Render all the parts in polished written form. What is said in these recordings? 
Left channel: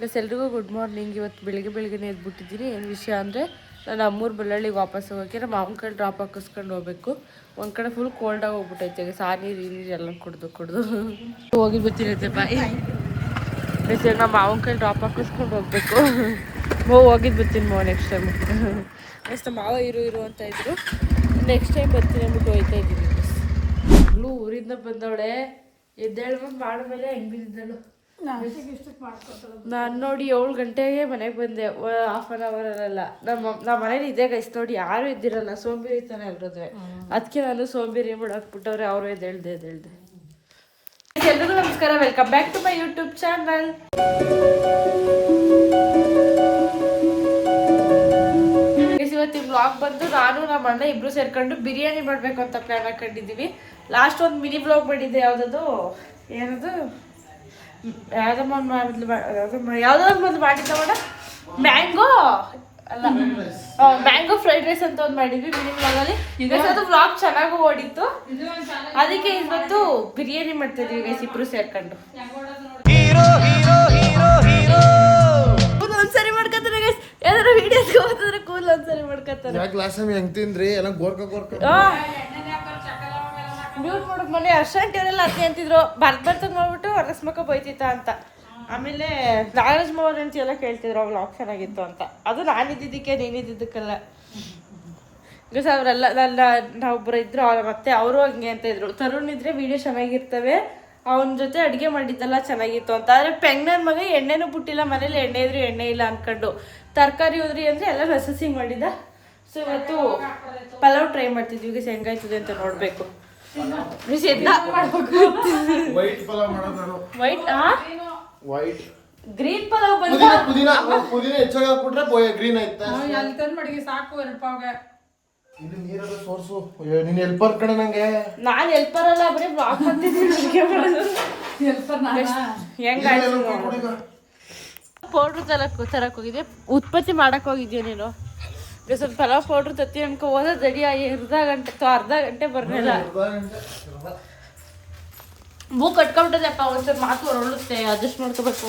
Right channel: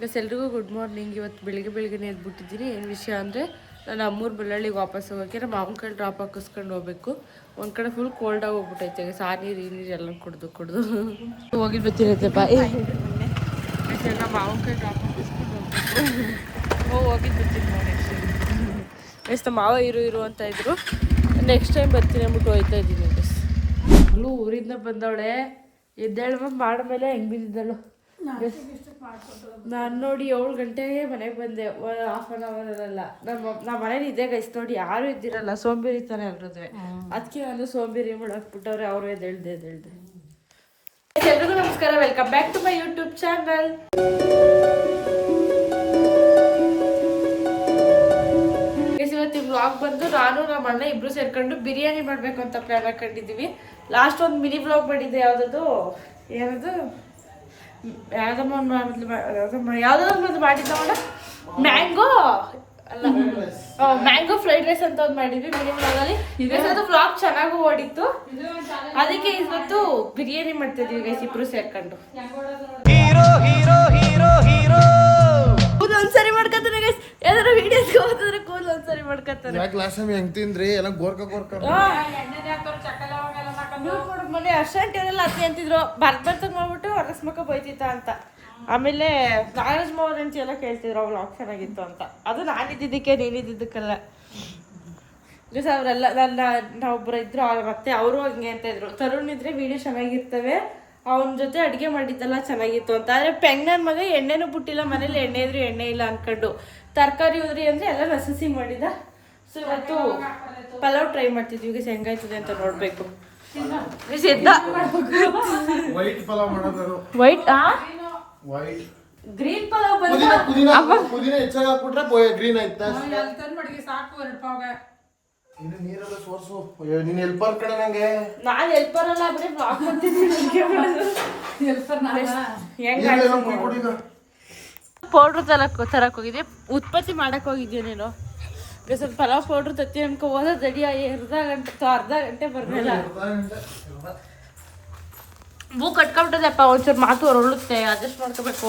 Plus ಎಲ್ರಿಗೂ good morning. ಇವತ್ತು ಬೆಳಿಗ್ಗೆ ಎದ್ಬಿಟ್ಟಿದ್ದೀನಿ. ಏನು ವಿಷಯ ಅಂದರೆ ನಾನು ಅಮ್ಮೂರು ಬಳ್ಳಳ್ಳಿಗೆ ವಾಪಸ್ ಹೋಗೋಕ್ಕೆ ನಮ್ಮ ಮಾವನ ಕೈಲಿ ಡ್ರಾಪ್ ಹಾಕಿಸ್ಕೊಂಡು ಹೋಗ್ಬೇಕು. ಒಂದು ಕಡೆ ಫುಲ್ ಕೋಲ್ಡಾಗಿ ಹೋಗ್ಬಿಟ್ಟೈತೆ. ನೀರು ಈ ನೀರು ಎಲ್ಲ ಕುಡ್ದು ಹೋಗಿದ್ದು ಬರ್ತಿರತ್ತಪ್ಪ. ನಮ್ಮ ಮಾವನ ಕೈಲಿ ಡ್ರಾಪ್ ಹಾಕಿಸ್ಕೊಂಡು ಹೋಗ್ಬೇಕು. ಹೋಗಿದ್ದು ಬರ್ತೀನಿ ನೆಕ್ಸ್ಟ್ ಟೈಮ್. ಎಷ್ಟು ಮಾವ ಇರು ಅಂತ ಇದ್ರು. ನೆಕ್ಸ್ಟ್ ಟೈಮ್ ಬರ್ತೀನಿ ಅಂದ್ಬಿಟ್ಟು ಹೋಯ್ತಾ ಇದ್ದೀನಿ. ಅಲ್ಲೂ ಊರಿಂದ ಬಂದವಳೆ ಎದ್ದೇಳುವ ಮಾಡಿದ್ಮೇಲೆ ಹೆಂಗೆ ಬಿದ್ದಿದ್ದಳು. ನಾನು ನೋಡಿ 7 ಗಂಟೆಗೆ ಮನೆಗೆ ಬಂದೆ. ಹಾಫ್ ಆನ್ ಅವರಲ್ಲ. ನಮ್ಮ ಮನೇಲಿ ಇದೇ ಗೈಸ್ ನೋಡಿ, ಯಾರು ಇದ್ದಿರಲ್ಲ. ಸೋಂಬೇರಿ ತಾನೆ ಎಲ್ರದ್ವೆ. ಅದಕ್ಕೆ ನಾನು ಸೋಂಬೇರಿ ಮಾಡಾಕ್ಬಿಟ್ಟವ್ರೆ. ಅವರು ಎದ್ದೇಳ್ದೆ. ಎಲ್ರಿಗೂ ನಮಸ್ಕಾರ, welcome back to my YouTube channel. ಇವತ್ತಿನ ವ್ಲಾಗ್ ಬಂದು ನಾನು ನಮ್ಮ ಅಣ್ಣ ಇಬ್ರು ಸೇರ್ಕೊಂಡು ಬಿರಿಯಾನಿ ಮಾಡಬೇಕು ಅಂತ ಪ್ಲಾನ್ ಹಾಕೊಂಡಿದ್ದೀವಿ. ಲಾಸ್ಟ್ ಒಂದು ಮಿನಿ ವ್ಲಾಗ್ ಮಾಡಿದ್ದೆ. ಯಾವುದದು ಯಾವುದೋ ಒಂದು ಮಾಡಿದ್ದ ಮಾಡ ಮ್ಯಾಂಗೋ ಫ್ರೈಡ್ ರೈಸ್ ಅಂತ ಒಂದು ಮಾಡಿದ್ವಿ ಮಿನಿ ವ್ಲಾಗಲ್ಲಿ. ಅದು ವ್ಲಾಗ್ ಚೆನ್ನಾಗೂ ಓಡಿತ್ತು. ಅದಕ್ಕೆ ಇವತ್ತು ಬಿರಿಯಾನಿ ಮಾಡ್ತಿದ್ವಿ ಗೈಸ್ ಇಬ್ರು ಸೇರ್ಕೊಂಡು. ಒಂದ್ಸರಿ ಮಾಡ್ಕೊತಾರೆ ಗೈಸ್, ಯಾವ್ದಾರು ವಿಡಿಯೋಸ್ ಹೋದ್ರೆ ಕೂದಲು ಒಂದ್ಸರಿ ಮಾಡ್ಕೊತಾರೆ. ಹೆಂಗ್ ತಿಂದ್ರಿ ಎಲ್ಲ ಗೋರ್ಕ ಮ್ಯೂಟ್ ಮಾಡೋದು. ಮನೆ ಅರ್ಶಂಟಿ ಅವರೆಲ್ಲ ಅತ್ತೆ ಅಂತಿದ್ರು, ಬರ್ತಂಗೆ ಮಾಡ್ಬಿಟ್ಟು ಅರಸ್ಮಕ್ಕ ಬೈತಿತ್ತ ಅಂತ. ಆಮೇಲೆ ನಾಗರಾಜ್ ಮೋಹನ್ ಎಲ್ಲ ಕೇಳ್ತಿದ್ರು ವ್ಲಾಗ್ ಚೆನ್ನಾಗಿತ್ತು ಅಂತ. ಅದು ನಾನಿದ್ದಿದ್ದಕ್ಕೆ ನೀನಿದ್ದಕ್ಕಲ್ಲ ಗೈಸ್. ಅವರೆಲ್ಲ ನಾವೊಬ್ಬರು ಇದ್ರು, ಮತ್ತೆ ಅವರು ಹಂಗೆ ಅಂತ ಇದ್ರು. ತರುಣ್ ಇದ್ರೆ ವಿಡಿಯೋ ಚೆನ್ನಾಗಿರ್ತವೆ, ಅವನ ಜೊತೆ ಅಡುಗೆ ಮಾಡಿದ್ದೆಲ್ಲ ಚೆನ್ನಾಗಿತ್ತು ಅಂತ. ಆದರೆ ಪೆಂಗ್ನನ್ ಮಗ ಎಣ್ಣೆನೂ ಬಿಟ್ಟಿಲ್ಲ ಮನೇಲಿ. ಎಣ್ಣೆ ಇದ್ರು ಎಣ್ಣೆ ಇಲ್ಲ ಅನ್ಕೊಂಡು ತರಕಾರಿ ಉದ್ರಿ ಅಂದರೆ ಎಲ್ಲ ರಸಸಿ ಮಾಡಿದ. ಸೊ ಇವತ್ತು ಪಲಾವ್ ಟ್ರೈ ಮಾಡ್ತಿದ್ವಿ ಗೈಸ್. ಹೆಂಗಾಯ್ತದೆ ಅಂತ ನೋಡಬೇಕು. ಗ್ರೀನ್ ಪಲಾವ್ ಬಂದು ಗ್ರೀನ್ ನಾನು ಹೆಲ್ಪರ್ ಅಲ್ಲ, ಬರೀ ಬ್ಲಾಗ್ ಮಾಡ್ತಿದ್ದೀನಿ. ಪೌಡ್ರ್ ತರಕ್ ಹೋಗಿದ್ದೆ, ಉತ್ಪತ್ತಿ ಮಾಡಕ್ ಹೋಗಿದ್ಯೋ ನೀನು. ಸ್ವಲ್ಪ ಪಲಾವ್ ಪೌಡ್ರ್ ತತ್ತಿ ಅನ್ಕೊ ಹೋದ ರೆಡಿ ಅರ್ಧ ಗಂಟೆ ಬರ್ಲಿಲ್ಲ. ಮೂಗ್ ಕಟ್ಕೊಂಡ್ಬಿಟ್ಟದಪ್ಪ, ಒಂಚೂರು ಮಾತು ಹೊರಳುತ್ತೆ, ಅಡ್ಜಸ್ಟ್ ಮಾಡ್ಕೋಬೇಕು.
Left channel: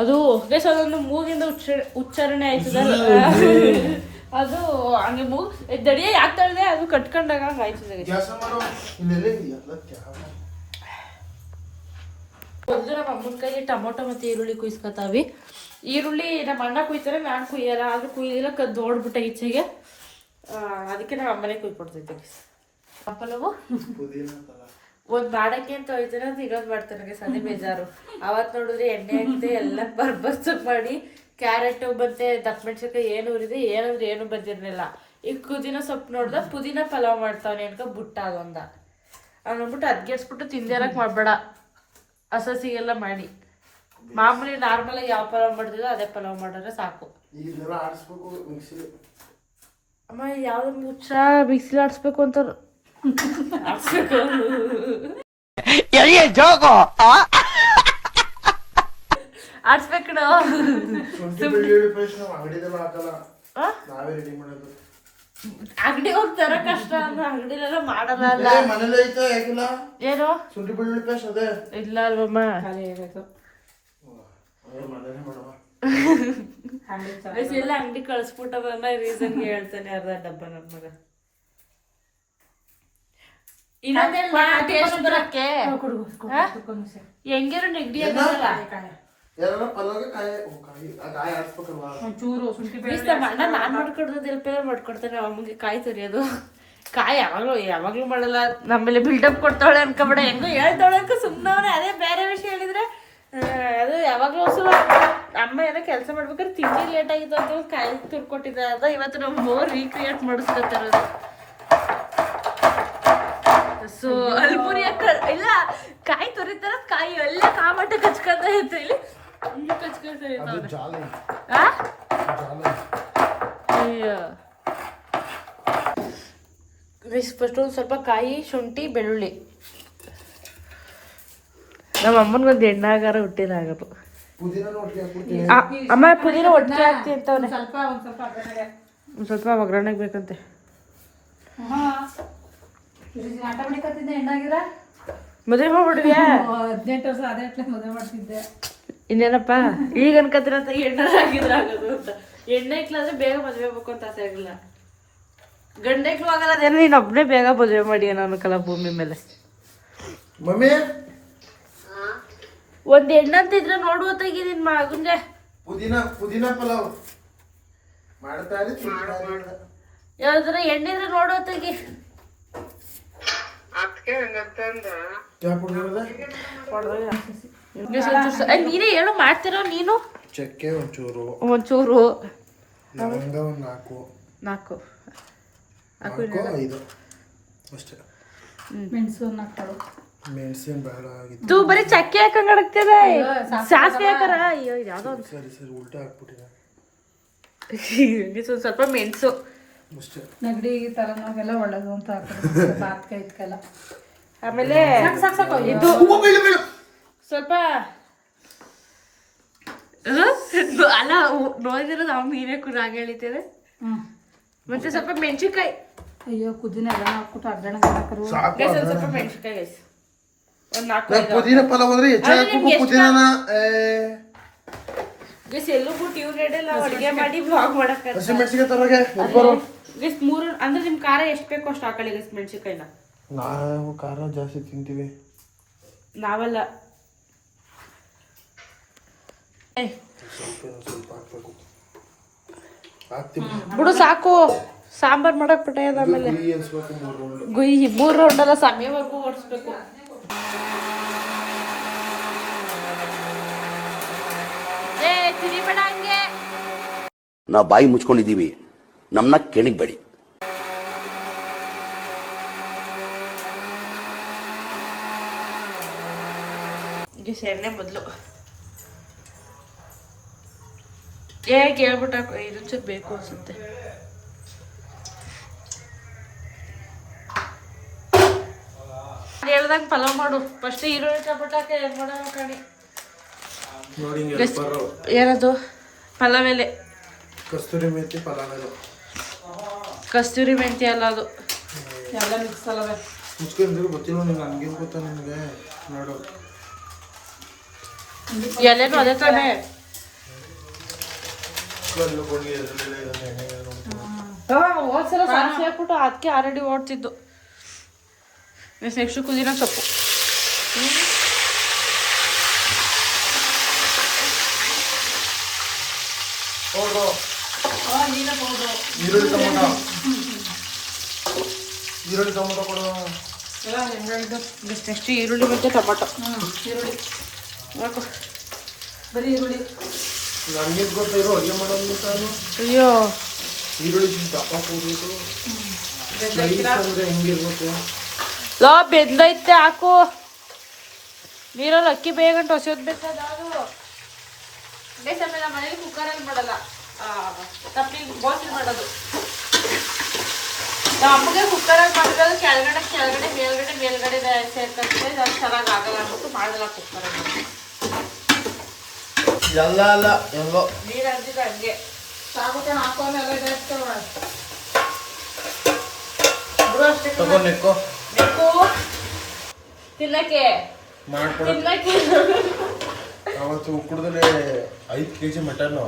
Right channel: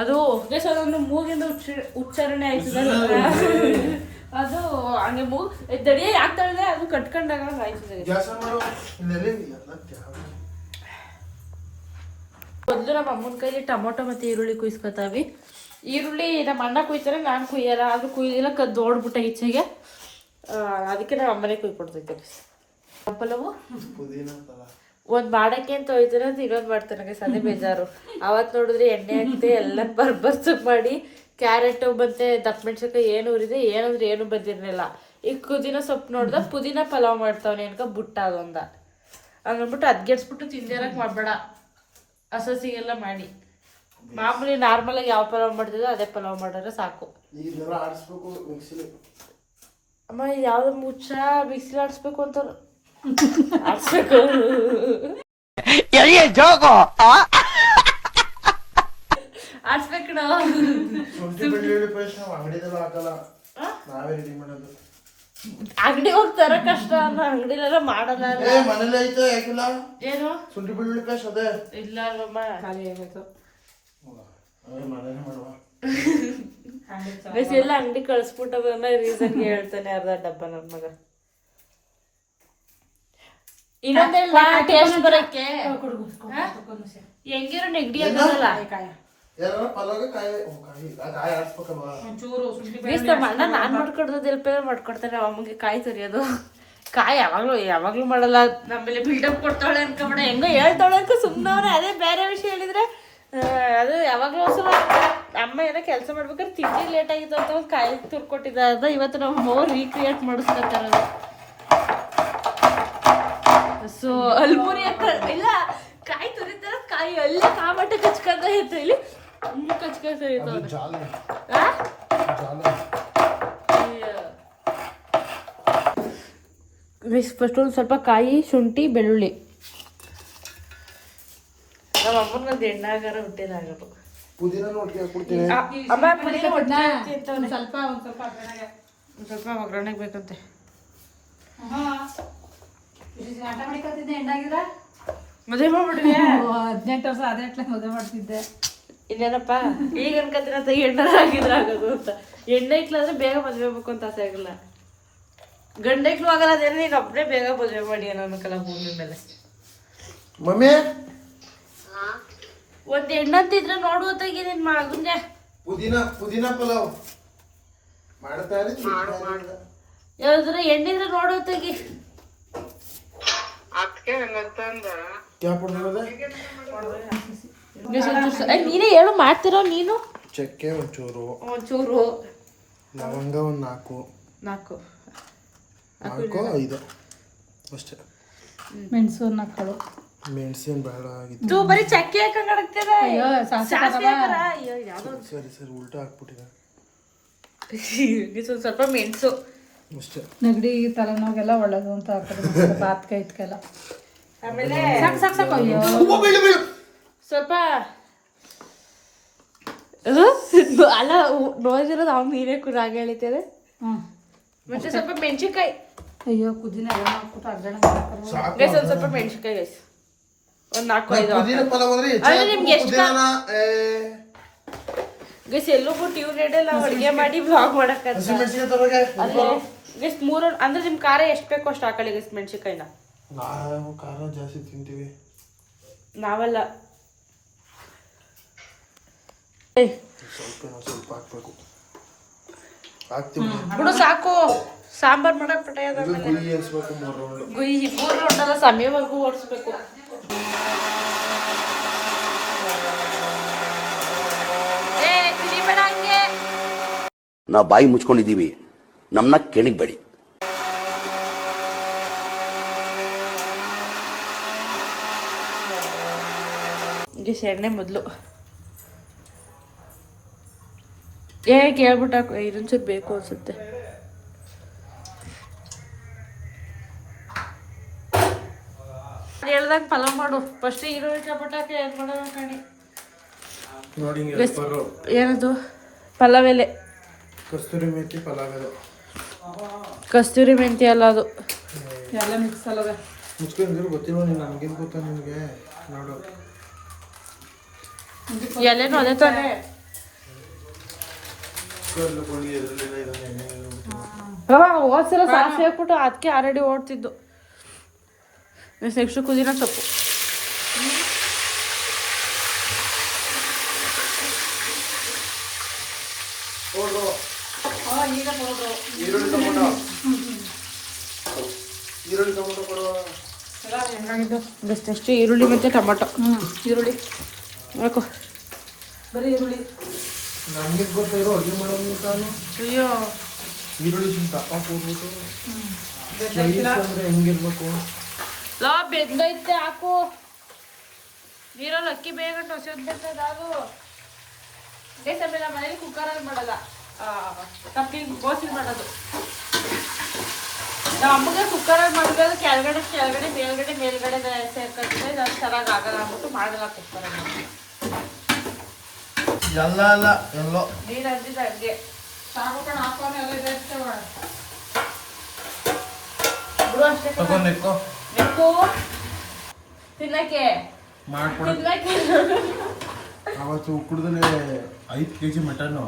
ಅದು ಅದೊಂದು ಮೂಗಿಂದ ಉಚ್ಚಾರಣೆ ಆಯ್ತದಲ್ಲ, ಅದು ಹಂಗೆ ಮೂಗು ದಡಿಯ ಯಾಕ್ತಾಳೆ ಅದು ಕಟ್ಕೊಂಡಾಗ ಆಯ್ತದೆ. ಮೊದಲು ನಮ್ಮ ಅಮ್ಮನ ಕೈಲಿ ಟೊಮೊಟೊ ಮತ್ತು ಈರುಳ್ಳಿ ಕುಯ್ಸ್ಕೊತಾವಿ. ಈರುಳ್ಳಿ ನಮ್ಮ ಅಣ್ಣ ಕುಯ್ತಾರೆ, ನಾನು ಕುಯ್ಯಲ್ಲ. ಆದ್ರೂ ಕುಯ್ದಿಲ್ಲ, ಕದ್ದೋಡ್ಬಿಟ್ಟ ಈಚೆಗೆ. ಅದಕ್ಕೆ ನಮ್ಮ ಅಮ್ಮನೇ ಕುಯ್ಕೊಡ್ತೈತೆ. ಪಲಾವು ಒಂದು ಮಾಡಕ್ಕೆ ಅಂತ ಹೋಯ್ತಾರೆ, ಅದು ಇನ್ನೊಂದು ಮಾಡ್ತಾನೆ. ಅದೇ ಬೇಜಾರು. ಅವತ್ತು ನೋಡಿದ್ರೆ ಎಣ್ಣೆ ಹಾಕ್ತೆ ಎಲ್ಲ ಬರ್ಬರ್ಸು ಮಾಡಿ, ಕ್ಯಾರೆಟು ಮತ್ತೆ ದಪ್ಪ ಮೆಣಸಿನ್ಕಾಯಿ ಏನು ಉರಿದೆ, ಏನಂದ್ರೆ ಏನು ಬಂದಿರಲಿಲ್ಲ. ಈಗ ಪುದೀನ ಸೊಪ್ಪು ನೋಡ್ದ, ಪುದೀನ ಪಲಾವ್ ಮಾಡ್ತಾವನೆ ಅನ್ಕ ಬುಟ್ಟ ಅದೊಂದ ಅಂದ್ಬಿಟ್ಟು ಅದ್ಗೆಡ್ಸ್ಬಿಟ್ಟು ತಿಂದೇರಕ್ಕೆ ಮಾಡಬೇಡ, ಹಸಸಿಗೆಲ್ಲ ಮಾಡಿ. ಮಾಮೂಲಿ ನಾರ್ಮಲ್ ಆಗಿ ಯಾವ ಪಲಾವ್ ಮಾಡ್ತಿದ್ದೋ ಅದೇ ಪಲಾವ್ ಮಾಡಿದ್ರೆ ಸಾಕು. ಅಮ್ಮ ಯಾವ್ದು ಮುಚ್ಚ ಮಿಕ್ಸಿಲಿ ಆಡಿಸ್ಬೇಕು ಅಂತ ಆಡಿಸ್ಬೇಕು. ಆಡ್ಸ್ಬೇಕು ಅಂಗಡಿ ಹೋಗ್ತಾರ ಕಷ್ಟ ಅಲ್ಲ, ಅಂಗಡಿಲೆಲ್ಲ ಮಾಡಲ್ಲ. ಏನು ಇಲ್ಲ ಅಲ್ವಮ್ಮ, ಎಲ್ಲ ಅಂಗಡಿ ಕಳ್ಸ್ಬಿಟ್ಟವನ್ನ ರೀಸನ್ಗೆ ಹೇಳ್ತಾನೆ ಅರ್ಧ ಡಬ್ಬ ನನ್ ಮಗ. ಇನ್ನೊಂದೆಲ್ಲ ಟೇಸ್ಟ್ ಬರಕ್ಕೆ ಹೆಂಗಿರೋ ನೆಗಡಿ ಆಗಲ್ಲ. ಅಣ್ಣ ನಾನ್ ಮಾಡ್ಕೊಡ್ದು ಎಲ್ಪ ಮಾಡ್ಕೊಡ್ತಾನೆ. ಅಮ್ಮಗೆ ಕಾಯಿ ತುರಿಯೋದು, ಕಾಯಿ ಯಾವಾಗ್ಲೂ ಮಾಡಲ್ಲ. ನಮ್ಮೇಲೆ ಬಿಲ್ಡಪ್ ಕೊಡ್ತಾಳೆ ಅನ್ಕೊಬೇಡ, ಹೆಂಗ ಹೇಳ್ತಾಳೆ ಅನ್ಕೊ ಸುಮ್ಮನವ್ರೆ. ಅದೇ ಬೇರೆ ವಿಷಯ ಹೇಳಿದ್ರೆ ಅದು ಯಾವಾಗ್ಲೂ ಒಂದ್ಸಲ ಅಮ್ಮ ಏನೋ ಕೆಲಸ ಮಾಡ್ಬೇಕಾದ್ರೆ ತಿಂಡಿ ಲೇಟ್ ಆಗಿತ್ತು ಅಂತ ಕಾಯಿ ತುರ್ಕೊಟ್ಟಿದ್ದ ಅಂತ ಇವತ್ತು ನಾವು ಮೋರ್ ರೀಕ್ರಿಯೇಟ್ ಮಾಡಿಸ್ಕೊತಾರ. ಸೊ ಅಲ್ಮುರಿಯ ಇಲ್ಲ ಕಾಯಿ ತುರಿತಾರ, ಕಾಯಿ ಎಲ್ಲ ಕಾಮಟ ಕಚ್ಕೊಂತ ಇತ್ತು. ಇಲ್ಲಿ ಫಸ್ಟ್ ಒಂದು ಸ್ವಲ್ಪ ಕಾಯಿ, ಶುಂಠಿ, ಬೆಳ್ಳುಳ್ಳಿ. ನಮ್ಮ ಅಮ್ಮನಿಗೊಂದು ಎಣ್ಣಾಗಾರ ಹುಟ್ಟಿನ ಆಗದು. ಅಮ್ಮ ಪುದೀನ ಒಟ್ಟಿಗೆ ಹಾಕ್ತಿ ಅಂತವನೆ. ಒಂದು ಸ್ವಲ್ಪ ಒಗ್ಗರಣೆಗೆ ಬೇಕಂತೆ. ಮದುವೆ ಮಾಡ್ಬಿಡ್ತೀಯಾ? 18 ವರ್ಷ ಅದೇ ಮದುವೆ ಮಾಡ್ತಿದ್ದೆ. ಇನ್ನೇನಪ್ಪ ಈಗ ಅನ್ಕತ್ತಿರ ಎಣ್ಣೆ ಆಗಿದ್ರೆ ಆಗೋದು ಅಂತ. ಎಣ್ಣೆ ಇಕ್ಲಾದ್ರೆ ಬೇಗ ಮದ್ವೆ ಆಗ್ಬೇಕು ಅಂತ ಆಸೆ ಆಗಿಲ್ಲ. ಗಂಡಕ್ಲು ಆಗಲ್ಲ ಅದೇನು ನೀನು ಒಬ್ಬನೇ ಬೇಗ ಮದುವೆ ಮಾಡಿ ಏನೋ ಅನ್ಕಲ್ಲ ಭೂಮಿ ಮೇಲೆ. ಮಮ್ಮಿ ಒಂದ್ ಹೆಣ್ಣಂತಿದ್ರೆ ನೋಡುವತ್ತಾಗಿ ನಿನ್ ಮಗನ್ಗೆ ಪುದೀನ ಪಲಾವ್ ಮಾಡ್ತಾರೆ. ಯಾವ್ದಾರ ಎಣ್ಣಿದ್ರೆ ನೋಡುವತ್ತಾಗಿ. ನೀನೇ ಹೇಳು ಮಾಡ್ತಿರೋ ನೀನು. ಚಕ್ಕೆ ಒಂಚೂರು ಲವಂಗ ಒಂದು 4 5 ಅಷ್ಟೇ. ಮೆಣಸಿನ ಬೇಡ ಆಗಿತ್ತು. ಬರೀ ಚಕ್ಕೆ ಹಾಕೊಂಡ್ ಹಾಕ್ತಿದೆ. ಸಾಸಿವೆ ಹಾಕರ. ಅಯ್ಯೋ ಯಾವ್ದೋ ಸರಿ ಉಲ್ಟಾ ಹಾಕ್ಬಿಟ್ಟಿದೆ. ಸ್ವಲ್ಪ ಮೆಣಸು ಅಷ್ಟೇ. ನೆಗಡಿ ತಲೆನೋವೆಲ್ಲ ಒಳ್ಳೇದು ಅಂತ ಹಾಕೋದು ಬಾತ್ಗೆ ಇಟ್ಕೆಲ್ಲ. ಆಮೇಲೆ ಸ್ವಲ್ಪ ಅಲ್ಲ ನೋಡಿರೋದು ಅವ್ ಮೀನೇ ರಾಗ ಹೇಳಿದ್ದೇವೆ. ಮತ್ತೆ ಸ್ವಲ್ಪ ಮೆಣಸಿನ್ಕಾಯಿ. ಅಯ್ಯೋ ಕುದಿನ ಅದನ್ನ ಹಾಕ್ಬಿಟ್ಟು ಅಗ್ಗಣ ಹಾಕರು. ಗೈಸ್ ಒಂದ್ ಸ್ವಲ್ಪ ಮೆಣಸಿನ್ಕಾಯಿ ಗೈಸ್ ಒಂದ್ 4-5 ಪುದೀನ ಪಲಾವ್ ಅಂದ್ರೆ ಗೈಸ್ ಎಲ್ಲೂ ಬಿಟ್ಟು ಇವ್ರೆಡೆಲ್ಲ ಅಡುಗೆ ಮಾಡಿ ಬ್ಲಾಗ್ ಮಾಡಕ್ ಗೈಸ್ 3 ಅಂದ್ರೆ ನಿಮ್ ಖಾರ ಎಷ್ಟು ಬೇಕೋ ಅಷ್ಟು ಹಾಕೊಳ್ಳಿ ಗೈಸ್ ಮೆಣಸಿನ್ಕಾಯಿನ. ನಾವು ಖಾರ ಜಾಸ್ತಿ ತಿಂತೀವಿ. ನಾವಲ್ಲ ಸ್ವಲ್ಪ ಹಾಕ್ಬೇಕು. ಹಾಕ್ತೀವಿ ಬಿಡು ಸಾಕು. ಸಾಂಬಾರ್ ಮಾಡಕ್ ಬಿಟ್ಟೆ ಆಮೇಲೆ ಗುಯ್ಯಿ 3 ರೌಂಡಲ್ಲ ಸಮಯವರೆಗೂ ಓಡಿಸ್ಬೇಕು. ತಿರಿಬೇಡ ಹಂಗೆ. ನಾವು ಬಾಯಿ ಮುಚ್ಕೊಂಡಿದ್ದೀವಿ, ನಮ್ಮನ್ನ ಕೆಣಗಬೇಡಿ. ಎಣ್ಣೆ ಮೊದಲು ಹೇಳ್ಬಿಟ್ಟು ಹಾಕು. ಇದೊಂಚೂರು ಬೇಕು ಅನ್ಸುತ್ತೆ. ಹೇಳ್ದಂಗೆ ಪಲಾವ್ ಮಾಡು. ಫಸ್ಟ್ ಈರುಳ್ಳಿ ಟೊಮೆಟೊಕ್ಕೆ ಮಾಡೋಣ ಕಣಿ. ಏನದು ಪಲಾವ್ ಎಲೆ? ಕಸ್ತೂರಿ ಮೆಂತಿ ಪಲಾವ್ ಎಲೆ. ಕಸ್ತೂರಿ ಮೆಂತಿ ಅಲ್ಲ ಅದು. ಎಲ್ಲ ಮಿಕ್ಸ್ ಅಲ್ಲವೇ. ಮುಚ್ಕೊಂಡಿದ್ರು ಗೊತ್ತಿಲ್ಲ ನನಗೇನು ಗೊತ್ತಾ ನಿಮಗೆ. ನೋಡು ಎಲೆನೂ ಅದೇ ತಾನೇ. ಒಂದ್ಸಲ ಸಾಸಿವೆ ಹಾಕ್ಬಿಟ್ಟು ಅದಕ್ಕೆ ಆಲ್ರೆಡಿ ಓಡ್ತಿದ್ದು. ನೆಕ್ಸ್ಟ್ ಕುದಿನ ಸೊಪ್ಪು. ಈರುಳ್ಳಿ ಟೊಮೊಟೊ ಕೊಡು. ನೆಕ್ಸ್ಟ್ ಈರುಳ್ಳಿ ಮತ್ತು ಟೊಮೊಟೊ. ಈರುಳ್ಳಿ ಹಾಕು. ಬರೀ ಈರುಳ್ಳಿ. ನನಗೆ ಗೊತ್ತಿರೋ ಅಡುಗೆ ಮಾಡೋದು ತಾನು. ಅಯ್ಯೋ ಈರುಳ್ಳಿ ದಪ್ಪ ಕೂಡ್ಬಿಟ್ಟು ಅಂದ್ರೆ ಹೆಂಗಿರ್ಬೇಕು. ಲೋ ಬೆಂದೈತೆ ಹಾಕು. ನೀರಲ್ಲಿ ಅಕ್ಕಿ ಬೇಗಂಟ ಹೊಸೋದ್ ಬಿಡ್ತದ ಅದು. ಆಮೇಲೆ ಮನೇಲಿ ಕುಕ್ಕರಲ್ಲಿ ಮಾಡಲ್ಲ, ತಪ್ಪಿ ಬೋಸಿಲ್ ಮಾಡೋದು. ನಮಗೆ ಕುಕ್ಕರಲ್ಲಿ ಮಾಡಿದಾಗ ಕೆಳಗಡೆ ಮೇಲ್ಗಡೆ ಸೇರ್ತಿದ್ರೆ ಅದು ಚೆನ್ನಾಗಿ ಆಗಲ್ಲ ಅಂದ್ಬಿಟ್ಟು ಮಾಡಲ್ಲ ಕುಕ್ಕರಲ್ಲಿ. ಎಲ್ಲ ಹೆಂಗೋ ನೀರು ಅಂದಿದ್ದು ಹಂಗೆ ಸಾಗುಕೊಂಡು ಹಾಕೋಣ ಎಲ್ಲ ಇದಾಗ್ತವೆ. ಬಿಡು ಅಷ್ಟೇ. ತಗೊಂಡಿಕ್ಕೋ ತಿನ್ನಕ್ಕೆ ಮಾಡ್ಕೊಡಕ್ಕೆ. ಅವತ್ತು ಉಕ್ಕಡದಲ್ಲಿ 5 kg ಮಟನ್ನು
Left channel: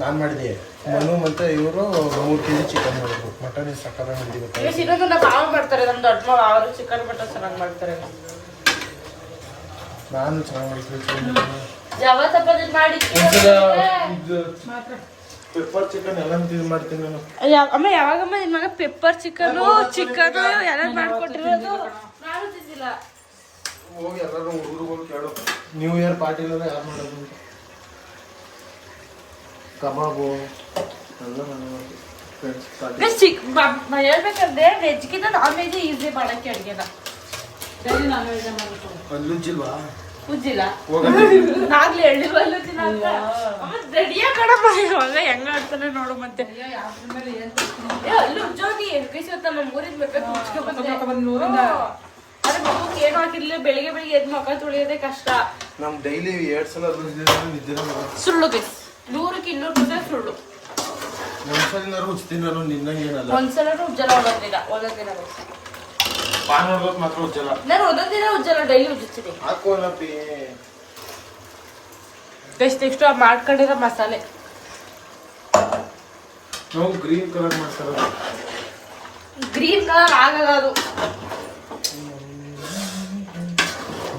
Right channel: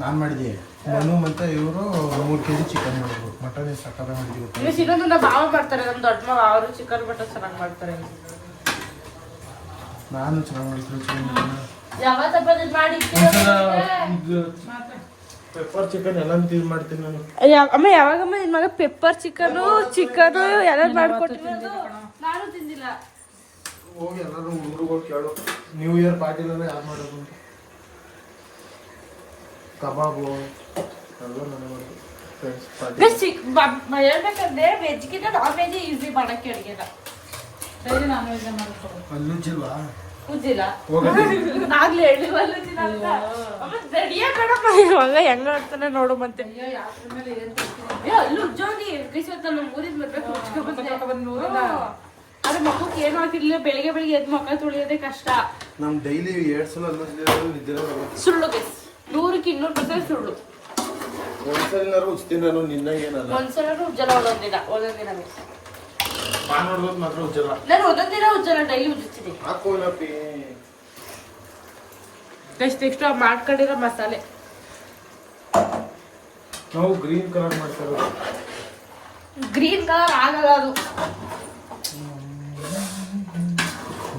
ನಾನು ಮಾಡಿದೆ. ಮನು ಮತ್ತು ಇವರು 3 kg ಚಿಕನ್ ಮಾಡಿದ್ರು. ಮಟನ್ ಸಕ್ಕರೆ ಮಾಡಿದ್ದೀವಿ. ಇನ್ನೊಂದು ನಮ್ಮ ಭಾವ ಮಾಡ್ತಾರೆ, ನಮ್ಮ ದೊಡ್ಡ ಮಾವ. ಅವರು ಚಿಕನ್ ಮಟನ್ ಚೆನ್ನಾಗಿ ಮಾಡ್ತಾರೆ. ನಾನು ಚೆನ್ನಾಗಿ ಮಾಡಿದ್ದೀನಿ. ಯಾವತ್ತಪ್ಪ ಮಾಡಿ ಪೆಪ್ಪರ್ ಚಿಕನ್ ಎಲ್ಲ ಮಾಡ್ತೀನಿ ನಾನು. ಅಮ್ಮ ಯಾವಾಗಮ್ಮ ನಿನ್ ಮಗ ಪೆಪ್ಪರ್ ಚಿಕನು ಎಲ್ಲ ಮಾಡ್ಕೊಟ್ಟಿರೋದು? ನಾನು ತಿಂದಿಲ್ಲ. ಹೋಗಿ ಎಲ್ಲರೂ ಹುಡುಗರು ಕೇಳು, ನ್ಯೂ ಇಯರ್ ಪಾರ್ಟಿಲೆಲ್ಲ ಯಾರು ಮಾಡೋದು ಅಂತ. ಕಬಾಬು ಎಲ್ಲ ನಾನೇ ಮಾಡ್ತೀನಿ ಫ್ರೆಂಡ್ಸ್ ಪಾರ್ಟಿ. ಹೇಳ್ಬೇಕಂದ್ರೆ ವೆಜ್ಗಿಂತ ನಾನ್ ವೆಜ್ ಈಸಿ ಮಾಡಕ್ಕೆ ಅಡುಗೆನ. ಅಲ್ಲುಜ್ಜಿಲ್ವಾ? ಉಜ್ಜಿಲ್ಲ ನಾಗ್ಲಿ ಹೇಳಿಲ್ವ ಅಲ್ಲುಜ್ಜಿಲ್ಲ ಅಂತ. ರೆಡಿಯ ಕಣಪ್ಪ ಮಗ ಹೆಂಗ ಆಡ್ತಾನೆ ನೋಡು. ಮತ್ತೆ ಅಲ್ಲೂ ಉಜ್ಜೋಗಿ ಕೈಸತ್ತ ನಮ್ಮ ಊರಿನ ಬರ್ಬೇಕು. ಅರೆ ಮಕ್ಕಕ್ಕೆ ಏನು ಹಾಕಿರ್ಲಿಲ್ಲ. ಬೆಳಿಗ್ಗೆ ಎದ್ದು ಮಕ್ಕ ತುಳಿಯೋದೇ ಕಷ್ಟ. ನಮ್ ಡೈಲಿ 2 ಸಲ ಅಲ್ಲುಜ್ಜಿದ್ರೆ ಸುಳ್ಳು ಬೇಸ್ 100ಕ್ಕೆ 200% ಸುಳ್ಳು. ಒಂದ್ಸಲ ಉಜ್ತೀನಿ ನಾನು. ನಿನ್ನ ಏನಲ್ಲ, ಒಂದ್ಸಲ ಉಜ್ಜಲ್ಲ. ಒಂದೊಂದಿನ ಮಾತ್ರ ಉಜ್ಜಲ್ಲ. ನಾನು ಒಂದೊಂದಿನ ಉಜ್ಜಲ್ಲ, ಡೈಲಿ ಉಜ್ಜುತ್ತೀನಿ. ಹಾಕೋಲಪ್ಪಿ ನೆಕ್ಸ್ಟ್ ಮಾಡ್ಕೊಂಡಿರೋ ಮಸಾಲೆ. ನಾವು ಗ್ರೀನ್ ಕಲರ್ ಮಾಡ್ತಾರೋದು. ಗ್ರೀನ್ ಕಲರ್ ಆಗಲ್ಲ ಅದು.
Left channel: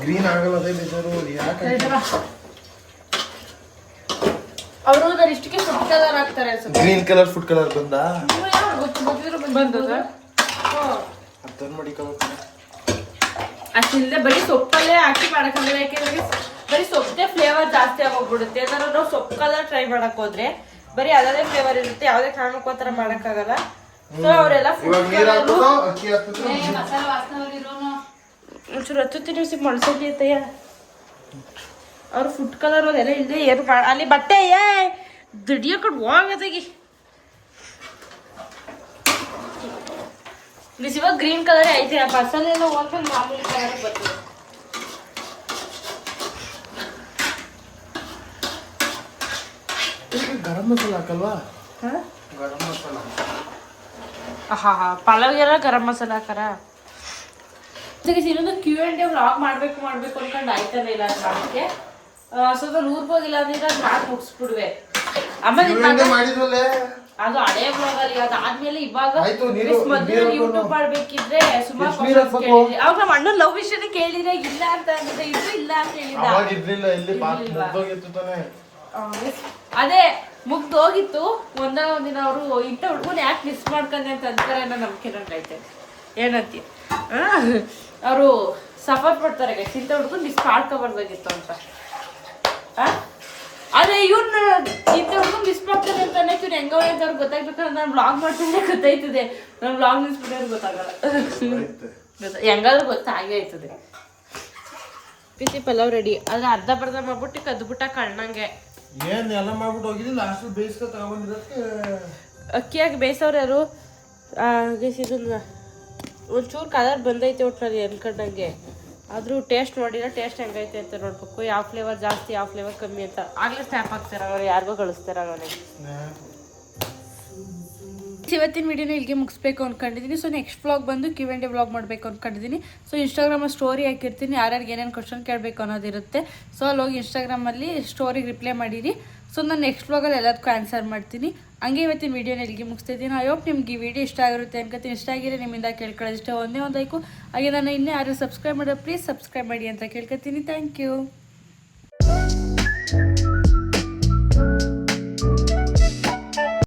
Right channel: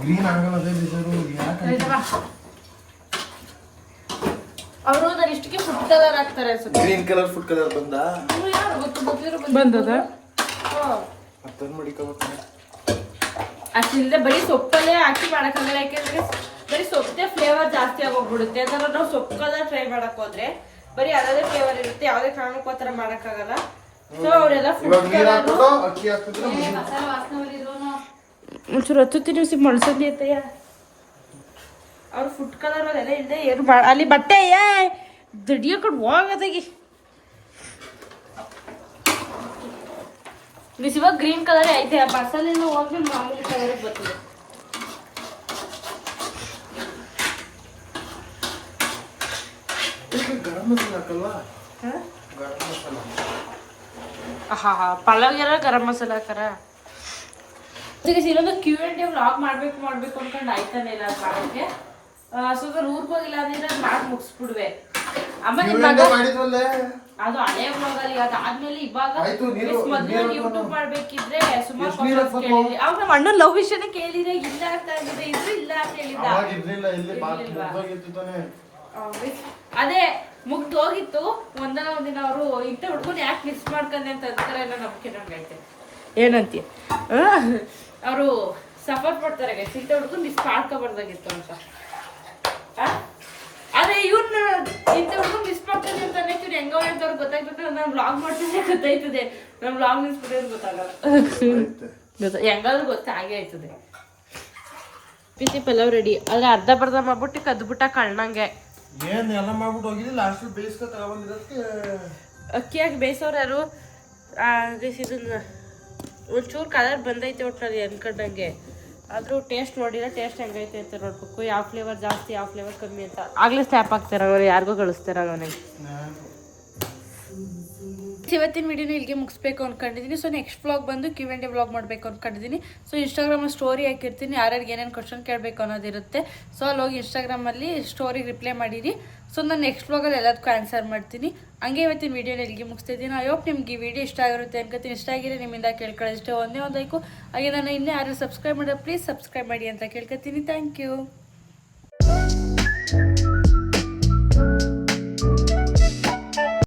ಗ್ರೀನ್ ಆಗಲ್ಲ ಅದೇ ಬೇಜಾರು. ಯಾಕೆ ಅವರು ನಾನು ಇಷ್ಟಕ್ಕೆ ಫುಡ್ ಕಲರ್ ಹಾಕ್ತಾರೆ ಅನ್ಸುತ್ತೆ. ಗ್ರೀನ್ ಕಲರ್ ಫುಡ್ ಕಲರ್ ಬಂದ ಅಷ್ಟಿಲ್ಲದೆ ಬರೀ ಸೊಪ್ಪಲ್ಲೇ ಹಾಕಿ ಮಾಡಕ್ಕಾಗಲ್ಲ. ಯಾಕೆಂದ್ರೆ ಬರೀ ಸೊಪ್ಪೇ ಫ್ಲೇವರ್ ಜಾಸ್ತಿ ಆಗೋಗ್ಬಿಡುತ್ತೆ. ಯಾಕಂದ್ರೆ ನಾವು ಸೊಪ್ಪು ಕಲರ್ ಟ್ರೈ ಮಾಡಕ್ ಹೋದ್ರೆ ಬರೀ ಅದೇ ಫ್ಲೇವರ್ ಇರುತ್ತೆ. ಯಾವುದೇ ಕಾರಣಕ್ಕೂ ಆ ಥರ ಮಾಡಕ್ಕಾಗಲ್ಲ. ಸೊ ಅವರೆಲ್ಲ ಫುಡ್ ಕಲರ್ ಒಂಚೂರು ಹತ್ತುತ್ತೀನಿ ಮಡ್ಸ್ತೀನಿ ಅತ್ತಯ್ಯ. ಅವ್ರು ಫುಡ್ ಕಲರ್ ಅದೆಲ್ಲ ಇಲ್ಲದೆ ಏನು ಅಲ್ಲಿ ಬಟ್ಟೆ ದಡಿಯಕೊಂಡು ಹೋಗತ್ತಾಗಿ ಇವಾಗ ಗ್ರೀನ್ ಕಲರ್ ಐತೆ. ಮಸಾಲೆ ಎಲ್ಲ ಹೋದ್ರೆ ಮಾಮೂಲಿ ಕಲರ್ ಬರ್ತದೆ. ಗರಂ ಮಸಾಲ ಹಾಕಲ್ವಾ? ಹಾ ಪಲಾವ್ಗೆಲ್ಲ ಗರಂ ಮಸಾಲ ಹಾಕಾರ. ಇನ್ನೊಂದು Q&A ವ್ಲಾಗ್ ಮಾಡ್ಬೇಕು ಅನ್ಕೊಂಡು ಆಯ್ತಾನೆ ಇಲ್ಲ ಅದು ಮಾಡಕ್ಕೆ. ಸ್ವಲ್ಪ ಊರ್ಗೆ ಹೋಗಿಲ್ಲ ಅಂದ್ರೆ ಅದು ಮಾಡಿ ಮುಗಿಸ್ಬಿಡ್ವೆ. ಆಮೇಲೆ ಅದು ಹಳೆ ವ್ಲಾಗ್ ಅಲ್ಲಿ ಅದಾದ್ಮೇಲೆ ಇವಾಗ ಮೊದಲು ಯೂಟ್ಯೂಬ್ ಮಾಡ್ಬೇಕಿದ್ರೆ ಸುಮಾರು ಕ್ವಶನ್ಸ್ ಕೇಳಿದ್ರಿ. ಅವಾಗ ನಮ್ಮ ಅಣ್ಣನ ಲವ್ ವಿಷಯನೇ ಕೇಳಿದ್ರೆ ಇಲ್ಲ ಅಂತ ಅಂದಿದ್ದೆ, ಇದ್ರು ಇಲ್ಲ ಅಂತ ಹೇಳಿದ್ದ. ಅದೇ ಮುಗ್ದೋಗಿತ್ತು. ಒಂದಿನ ಅವರು ಇಂಥ ಹುಡ್ಕೊಂಡು ಯಾಕೆ ಮಿಸ್ ಮಾಡ್ಕೊಂಡೆ ಅಂತ ಅಂತಾರೆ ಅನ್ನೋ ನಂಬಿಕೆ ನಂಗೈತೆ. ಏನಂತೀವಿ ಅವರು ಸಫರ್ ಪಡ್ತಾರೆ ಇಂಥ ಹುಡ್ಕೊಂಡು ಮಿಸ್ ಮಾಡ್ಕೊಬಾರ್ದಾಗಿತ್ತು ಅಂತ. ಅದೇ ಇವ್ನ ಇಂಥ ಹುಡ್ಕೊಂಡು ಮಿಸ್ ಮಾಡ್ತಾನೆ ಅಂತ ಅನ್ನೋದು ಹೆಂಗವ ಅಂತ ಅವ್ರಿಗೆ ಗೊತ್ತಾಗ್ಬೇಕಂದ್ರೆ ನಾನು ವ್ಲಾಗ್ ಮಾಡ್ತಾನೆ ಗೊತ್ತಾಯ್ತದೆ. ನಾನು ವ್ಲಾಗ್ ನಿಲ್ಸ್ಬಿಟ್ಟೋರು ಗೊತ್ತಾಗಲ್ಲ. ಹೆಂಗಾದ್ರೂ ಗೊತ್ತಾಗೇ ಆಯ್ತದೆ. ಬಿಸಿ ಪಲಾವ್ ರೆಡಿ. ಆದ್ರೆ ಅರ್ಧ ಮಾಡ್ಬಿಟ್ಟು ಕದ್ಬಿಟ್ಟ ಕಣ್ಣಂಗೆ. ಏನ್ ಎಲ್ಲ ಮಾಡ್ಬಿಟ್ಟು ಹೋಗಿದ್ರಿ ಲಾಸ್ಟ್ ಬೇಯಿಸ್ಕೊ ತಗೊಂಡಿರೋಕ್ಕೆ ಅಕ್ಕಿಯಾಗಿ ಬೇಯಿಸೋರು ಯಾರು ಇದನ್ನ ಒಂಚೂರು ಕಲರ್ ಬಂದೈತೆ ಒಟ್ಟಿನಲ್ಲಿ ಅನ್ಕೊಂಡಂಗೆ. ಆದರೂ ಟೇಸ್ಟ್ ನೋಡಿಲ್ಲ. ಟೇಸ್ಟ್ ಹೆಂಗೈತೆ ಅಂತ ನೋಡ್ಬೇಕು. ಯಾವ ಫ್ಲೇವರ್ ಜಾಸ್ತಿ ಯಾವ ಫ್ಲೇವರ್ ಕಮ್ಮಿ ಅಂತ. ಆಗಲೇ ಸ್ಟ್ಯಾಪ್ ಆಗ್ತಾರೆ ಅವ್ರು, ಯಾರಿಗೂ ಕಳಿಸ್ತಾರೆ ನನಗೆ. ಇವತ್ತಿನ ವಿಡಿಯೋನ ಇಲ್ಲಿಗೆ ಮುಗಿಸ್ಬೇಕು ಅಂದ್ಕೊಂಡಿದ್ದೀನಿ. ಸೊ ನೆಕ್ಸ್ಟ್ ವ್ಲಾಗ್ ಬಂದು Q&A ವ್ಲಾಗ್ ಮಾಡಬೇಕು ಅಂದ್ಕೊಂಡಿದ್ದೀನಿ. ಸೊ ಇನ್ಸ್ಟಾಗ್ರಾಮಲ್ಲಿ ಸ್ಟೋರಿ ಹಾಕಿರ್ತೀನಿ, ಯಾರ್ಯಾರಿಗೆ ಏನೇನು ಕ್ವಶನ್ ಕೇಳಬೇಕು ಅನ್ನೋದಿರುತ್ತೆ. ಸೊ ಅಲ್ಲಿ ಹೋಗಿ ಇನ್ಸ್ಟಾಗ್ರಾಮಲ್ಲಿ ಸ್ಟೋರಿಗೆ ರಿಪ್ಲೈ ಮಾಡಿರಿ. ಸೊ ನಾನು ನೆಕ್ಸ್ಟ್ ವ್ಲಾಗಲ್ಲಿ ಎಲ್ಲದಕ್ಕೂ ಆನ್ಸರ್ ಮಾಡ್ತೀನಿ. ಹಂಗೆ ಇವತ್ತಿನ ವಿಡಿಯೋನ ಇಲ್ಲಿಗೆ ಮುಗಿಸ್ತಿದ್ದೀನಿ. ಐ ಹೋಪ್ ನಿಮ್ಗೆ ಈ ವಿಡಿಯೋ ಇಷ್ಟ ಆಗಿರುತ್ತೆ ಅನ್ಕೋತೀನಿ. ಇಷ್ಟ ಆಗಿರೋ ನಿಮ್ಮಿಂದ ಕೇಳ್ಕೊಳ್ಳೋದಿಷ್ಟೇ ಒಂದೇ ಒಂದು ಲೈಕು. ಹಾಗೆ ನಾನು ಇನ್ನೂ ಯಾರು ಸಬ್ಸ್ಕ್ರೈಬ್ ಮಾಡೋ ಪ್ಲೀಸ್ ಸಬ್ಸ್ಕ್ರೈಬ್ ಮಾಡಿ ಅಂತ ಕೇಳ್ಕೊತೀನಿ. Thank you.